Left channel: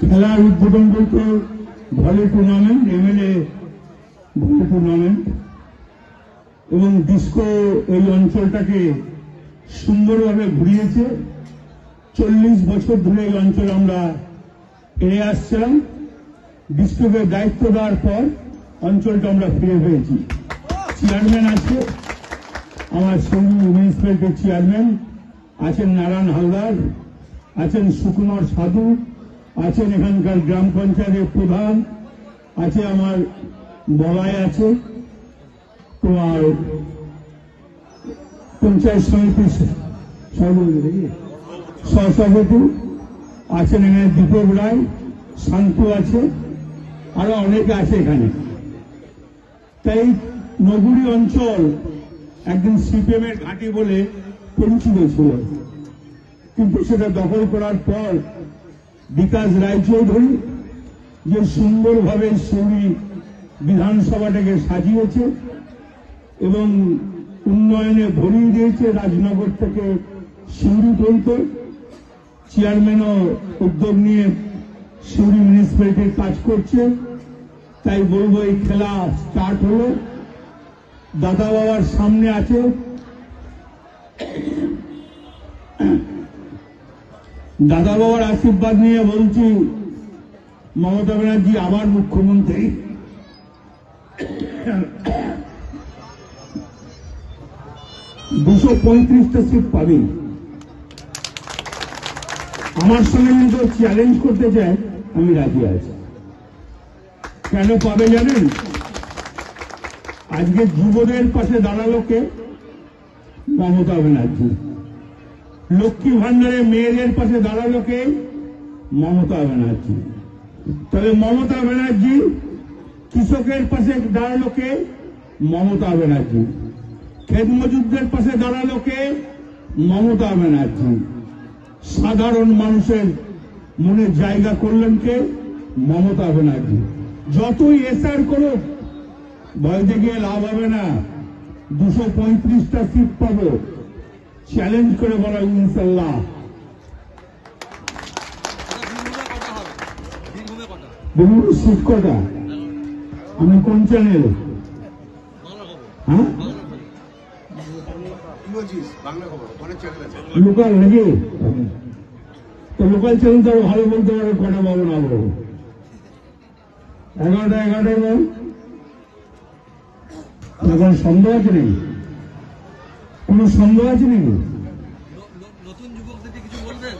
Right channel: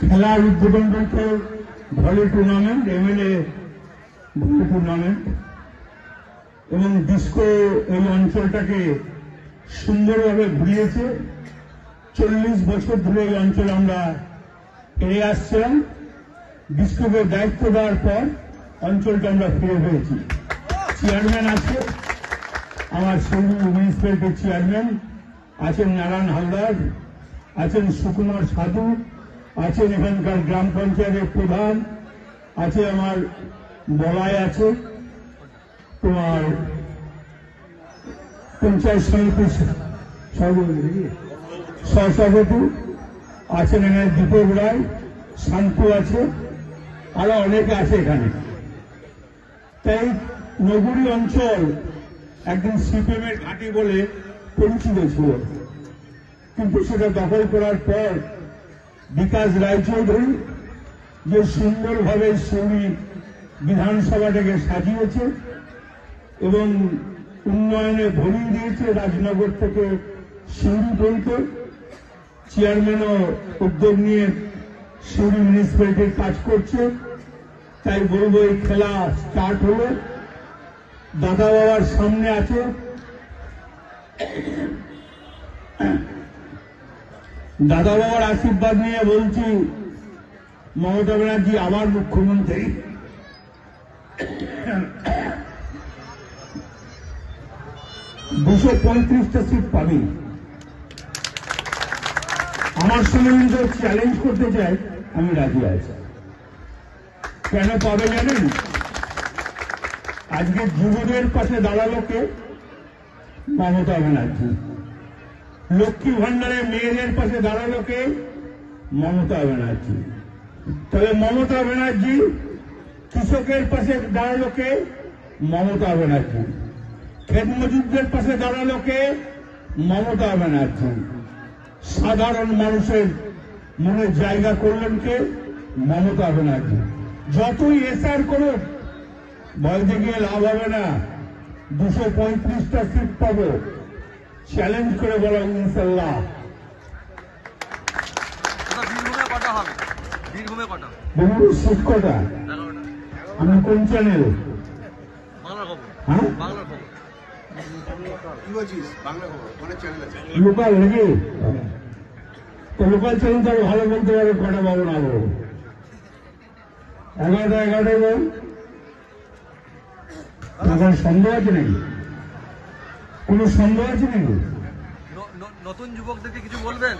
খেলার উদ্বোধন বলতে volley tournament, MLA volley tournament এবং ডিস্কো এই অঞ্চলটাকে সুন্দরভাবে ঘুরিয়েছে। 40 বছর ধরে এই অঞ্চলে আমরা এড়ে আসছিলাম। ডিস্কোকে দায়িত্ব দেওয়ার পর অঞ্চলটা আমরা ফিরে পেয়েছি। চেয়ারম্যান আছে, আমার সিন্ধু মিউনিসিপ্যালিটির চেয়ারম্যান আছেন নারায়ণ হালদার, আছেন সুকুমার সাধু, আছেন এখানকার গ্রাম পঞ্চায়েতের প্রধান, আছে আমার বলাই, আছে তোমার পঞ্চায়েত সমিতির সহসভাপতি আছেন, এখানে দীপক রায়, শান্তু আছে, আরো অনেকে আছে এখানে। তাই নগরী অঞ্চল একদিন সিপিএম এর ঘাঁটি বলে পরিচিত ছিল, কিন্তু সেটা দখল করার পর বিকাশ রায়চৌধুরী যে সুন্দরভাবে সিউড়ি বিধানসভাটাকে সাজিয়েছে এবং উন্নয়নে ভরিয়ে দিয়েছে, রাজনগর থেকে সিউড়ি পর্যন্ত চেয়ারম্যানও উদ্যোগ নিয়ে সিউড়ি মিউনিসিপ্যালিটির কাজ করছে। তাই বলবো এই খেলা স্টার্ট হলো, দাদা বাবার সামনে আছে, দাদা বাবার আশীর্বাদ নিয়ে বলছি মমতা ব্যানার্জি আমার মুখ্যমন্ত্রী। 235টা সিট পাবে। আমার সঙ্গে কিন্তু চ্যালেঞ্জ করতে চাই, আমি রাজি আছি। কেন পাবে জানেন? আজকে যুবদের পাশে দাঁড়ালো কে? মমতা ব্যানার্জি। লক্ষ্মী ভান্ডারে মেয়েদের পাশে দাঁড়ালো কে? মমতা ব্যানার্জি। তবে মমতা ব্যানার্জি কৃষকের পাশে দাঁড়ালো কে? মমতা ব্যানার্জি। ক্ষেত মজুরদের পাশে দাঁড়ালো কে? মমতা ব্যানার্জি। সাধারণ মানুষের মনে জায়গা করলেন কে? মমতা ব্যানার্জি। যতই এসআর করুক ভয় দেখিয়ে লাভ হবে না। 235টা সিট পাবো, চ্যালেঞ্জ করে বলো ইনশাল্লাহ। বীরভূমের সিট কটা? তুমি কোন চ্যানেল? হ্যাঁ, লোকাল নাকি? তো লোকাল চ্যানেল তো ভালো বলতে পারো কটা মামলা হবো। 11টায় বল। এখন সন্দেহ আছে নাকি? কোন সন্দেহ আছে নাকি? নতুন যুবকদেরকে কিছু বলবেন?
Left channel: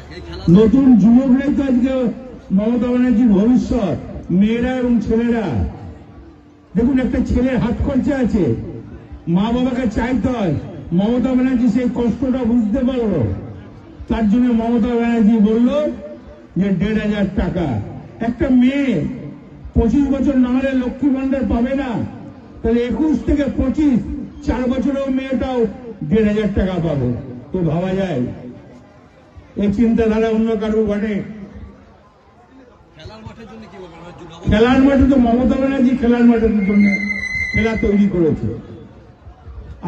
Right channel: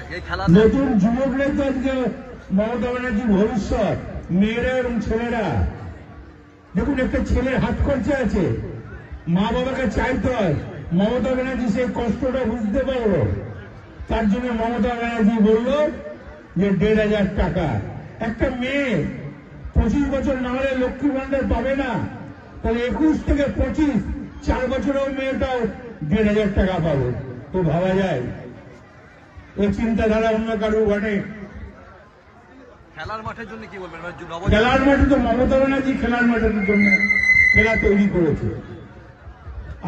নতুন যুবকরাই তো আজকে মমতা ব্যানার্জির ভবিষ্যৎ, মেয়েরা এবং ছেলেরা। দেখুন, একটা ছেলের হাত খরচা আছে, মা বাবাকে চাইতে হয়। মমতা ব্যানার্জি সেই কষ্টটা বুঝতে পারলো, তার জন্য মমতা ব্যানার্জি বলল যে 1,500 টাকা। একটা মেয়ে 25 বছর না হলে লক্ষ্মী ভান্ডার পাবে না, তাহলে 21 থেকে 25 4 বছরেও মেয়েটাও 1,500 টাকা পাবে। তো ভাবা যায় এই চিন্তাধারা অন্য কারো ঘটে? খেলার মাঠের জন্য কি বলবেন? খেলার মাঠে তো মমতা ব্যানার্জি খেলার মাঠের জন্য খেলা তৈরি করেছে।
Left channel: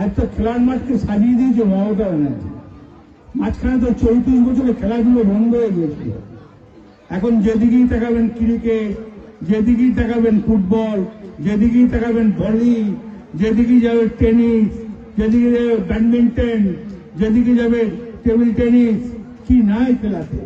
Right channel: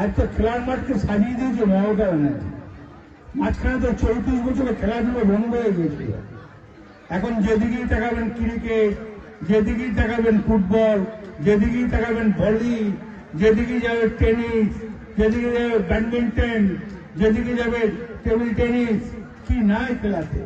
আজ তো খেলার মাঠকে সাজিয়ে দিয়েছে মমতা ব্যানার্জি। মাঝখানে তো 34 বছরে খেলাধুলো বন্ধ হয়ে গেছে। এখন যেদিকেই তাকাবেন ক্রিকেট, যেদিকেই তাকাবেন ফুটবল, যেদিকেই তাকাবেন ভলি, যেদিকে যাবে টেনিস, যেদিকে যাবে ব্যাডমিন্টন, যেদিকে যাবে টেবিল টেনিস, কি নাই খেলাতে।